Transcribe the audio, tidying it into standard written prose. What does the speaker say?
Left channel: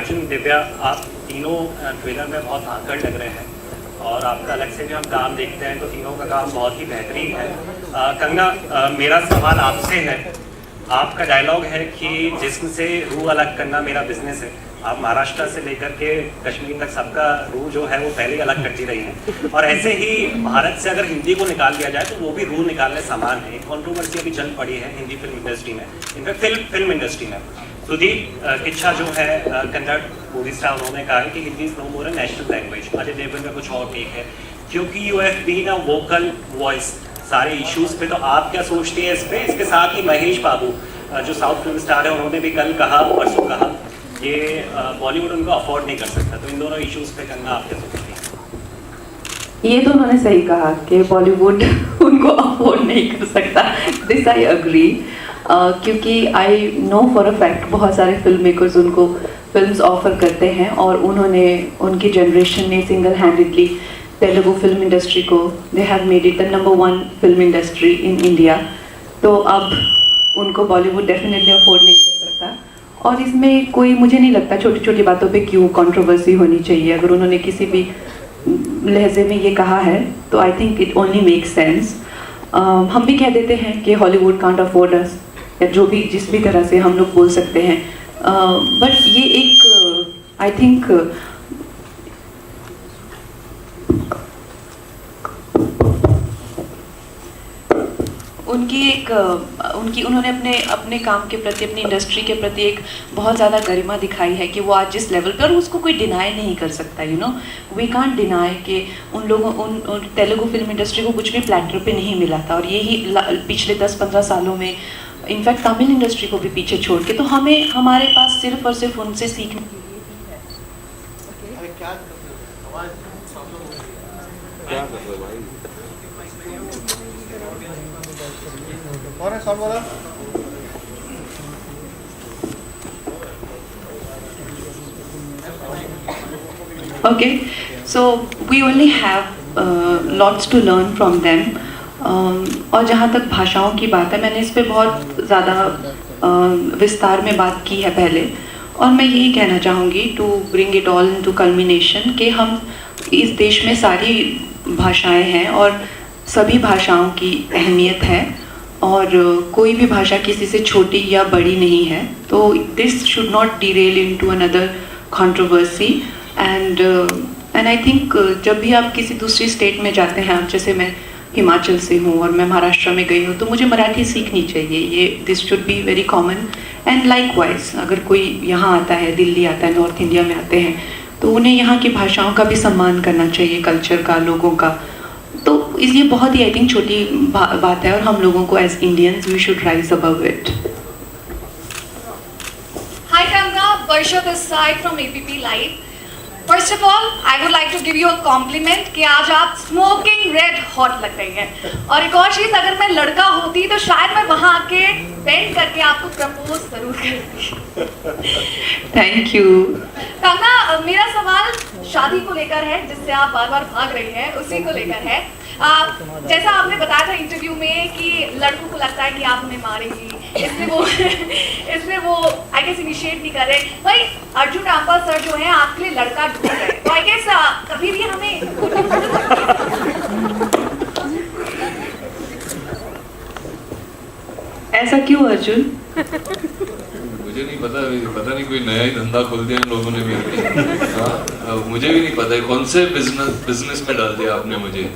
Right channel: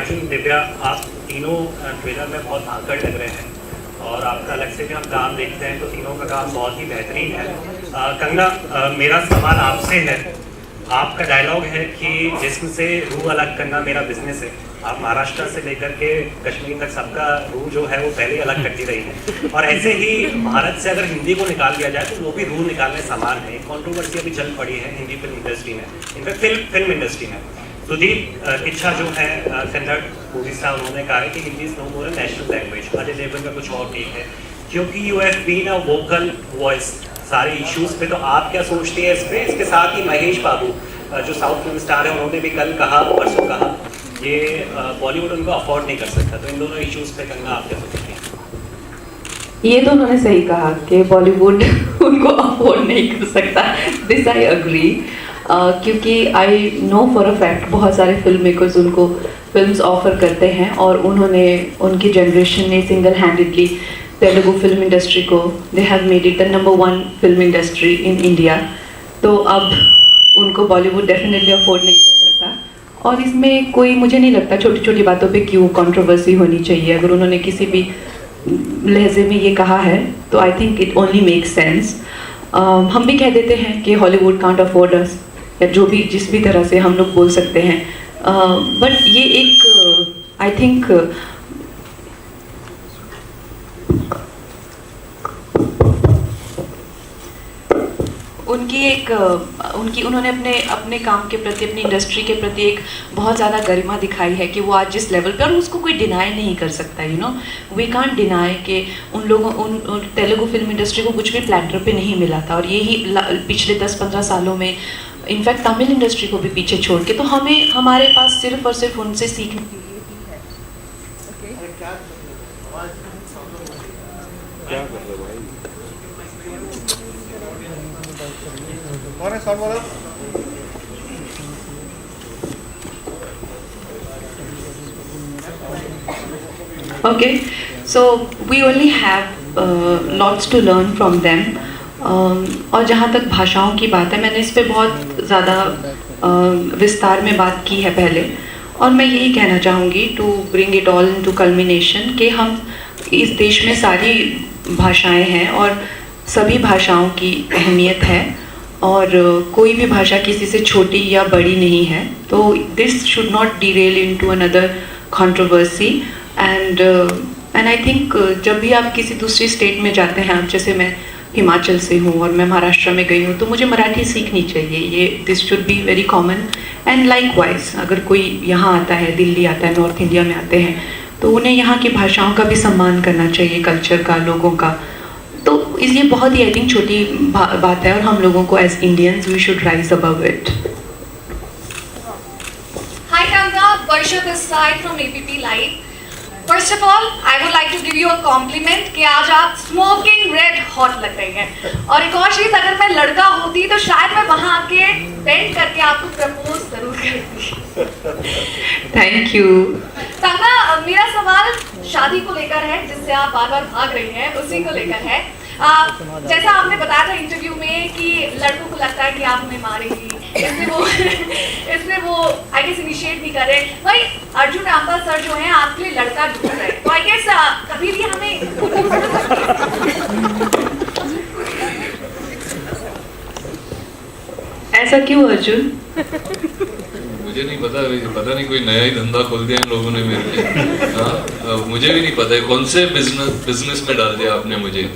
अर्जुन, दिव्या, आप तीनों ट्रेलर में बहुत आकड़ लग रहे हैं और आपका अलग से भी हम काम देखते हैं तो तीनों का काम बहुत ही बेहतरीन है। कंगना, मेरा सवाल आपसे है। आपका डायलॉग है कि जिस्म से रूह अलग करना मेरा बिजनेस है। आप महाराष्ट्र से लेकर के कश्मीर तक सबका रूह जो है वो पहले ही अलग करती रही है, और ऐसे ही भारत से अगर हिंदी को निकाल दिया जाए तो वो भी रूह निकालने समान है। कॉन्ट्रोवर्सी अभी चल पड़ी है हिंदी फिल्म इंडस्ट्री में, इनफैक्ट फिल्म इंडस्ट्री में। सुदीप इच्छा जो है कन्नड़ मूवी स्टार, उन्होंने कहा है कि Hindi is no more a national language. Ajay Devgan का कुछ और ठीक है, क्योंकि you have been a vocal voice सारे इश्यूज पे। तो आप क्या सोचते हैं इस पे? इसके साथ ही महेश बाबू जो साउथ फिल्म स्टार है, उन्होंने भी कल कहा, परसों कहा, ये बॉलीवुड उनको अफोर्ड नहीं कर सकता। तो इन दोनों इश्यूज पे करना आप क्या सोचते हैं? ये तो उन्होंने सही कहा कि बॉलीवुड उनको अफोर्ड नहीं कर सकता। दिस आई अग्री, क्योंकि I know for a fact बहुत सारे फिल्म मेकर्स उनको फिल्म्स ऑफर करते हैं और उन्होंने, उनकी जनरेशन ने single handedly Telugu film industry को, they have made it the number 1 film industry in India. तो अब उनको बॉलीवुड डेफिनेटली अफोर्ड नहीं कर सकता, और इसमें कोई, मुझे नहीं लगता छोटी छोटी बातों पे क्यों कंट्रोवर्सी होनी चाहिए। अगर उन्होंने किसी भी लहजे में ये कहा है तो I think it only makes sense. हम भी कह देते हैं कि हॉलीवुड कांट अफोर्ड अस, या जो भी जिस भी तरह से हम लोग बोल सकते हैं, बट ये एक आई थिंक उन्होंने अपने काम के प्रति, अपनी इंडस्ट्री के प्रति एक बहुत ज़्यादा गरिमा दिखाई है कि वो आज जिस लेवल पर, उसको कोई डिनाई नहीं कर सकता। You know, we can't deny कि उन लोगों, उन तेलुगु फिल्म इंडस्ट्री को कुछ भी प्लेटर पे नहीं मिला था, और यही पिछले 10-15 सालों में इनफैक्ट तमिल इंडस्ट्री को भी पीछे छोड़ के, तो हमारे पास सिर्फ और सिर्फ उनसे सीखने के लिए ही है। Okay, so we only have lots to learn from them. और जहाँ तक भाषाओं की बात है, मैंने इस पे बहुत ज़्यादा विस्तार में बात की है पहले, और मैं यही कहना चाहूँगी to bring it all into culmination कि हम, इस देश में सारी भाषाएं हैं और सभी भाषाओं की अहमियत है, और कोई भी भाषा किसी से छोटी या बड़ी नहीं है। तो this should not Daryl into another controversy, and I think जब भी आप किसी दूसरी स्टेट में जाते हैं, जैसे मैं हिमाचल से हूँ और मैं महाराष्ट्र में गई हूँ, तो मुझे मराठी सीखनी चाहिए। ये this should be very common, and likewise अगर कोई यहाँ आता है, दिल्ली आता है, नॉर्थ इंडिया में आते हैं, तो उन्हें यहाँ की भाषाओं का भी सम्मान करना चाहिए, कल्चर का, लोगों का। तो इसलिए बहुत ही आई थिंक छोटी बात है, और हम लोगों को as Indians we should rise above it. Hi Kanga, Varsha this side from APP Live. First of all, I would like to give you a compliment कि आज आप smoking red hot लग रही हैं। और एक और चीज़, अगर मैं लड़का होती तो शायद मैं वहाँ आके बेंड करके आपको प्रपोज जरूर करती। Thank you. कंगना, मेरा सवाल शादी को लेकर है, जिससे आप बार बार भाग रही हैं, उसी को लेकर है। जैसा आपने बताया था इंटरव्यू में कि लड़कों को लगता है कि आप उन्हें मारेंगी, इसलिए वो आई गेस इनिशिएट नहीं कर रहे। भाई अर्जुन रामपाल सर जो हैं आपके लिए लड़का ढूंढ रहे हैं, तो आई गेस कभी भी हमें ऐसा क्यों अर्जुन? मुझे नहीं पता नहीं कोई नया ही धंधा खोल दिया इन लोगों ने मेरे लिए। हाँ, मुझे भी नहीं पता है कौन से बिजनेस में डाल दिया आपने मुझे।